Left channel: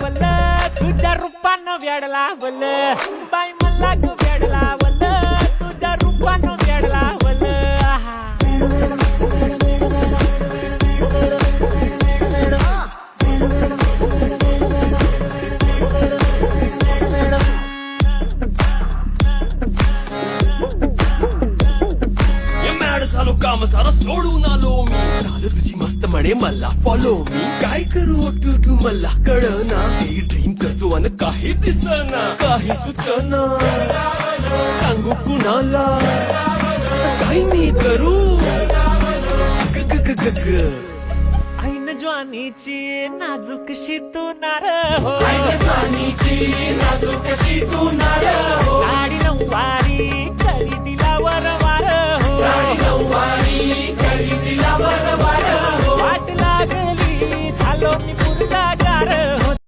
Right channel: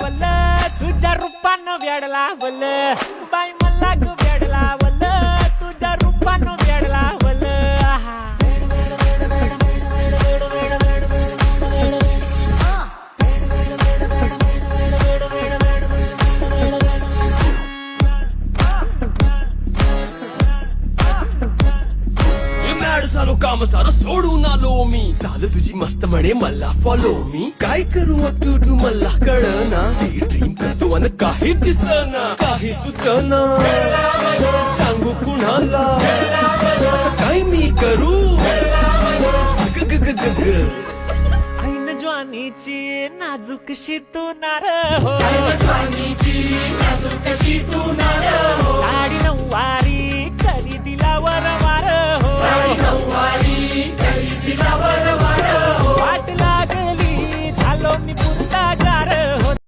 वल तुझ्या रूपानं वेडला वल बाई मला ग वेडला वल तुझ्या रूपानं वेडला वल आहा झालो काम सारं सोडून आलो मी चाल तुझी मस्त म्हणे मला फॉलो मी काय करू अटू मला कळना ही ड्रीम करतो अन काही दिसना काही सुचना सांगू कुणाला आता काय मी करू ग ग ग ग ग ऐन ज्वानीची नाजूकशी तू नार हो साडी साडी नऊवारी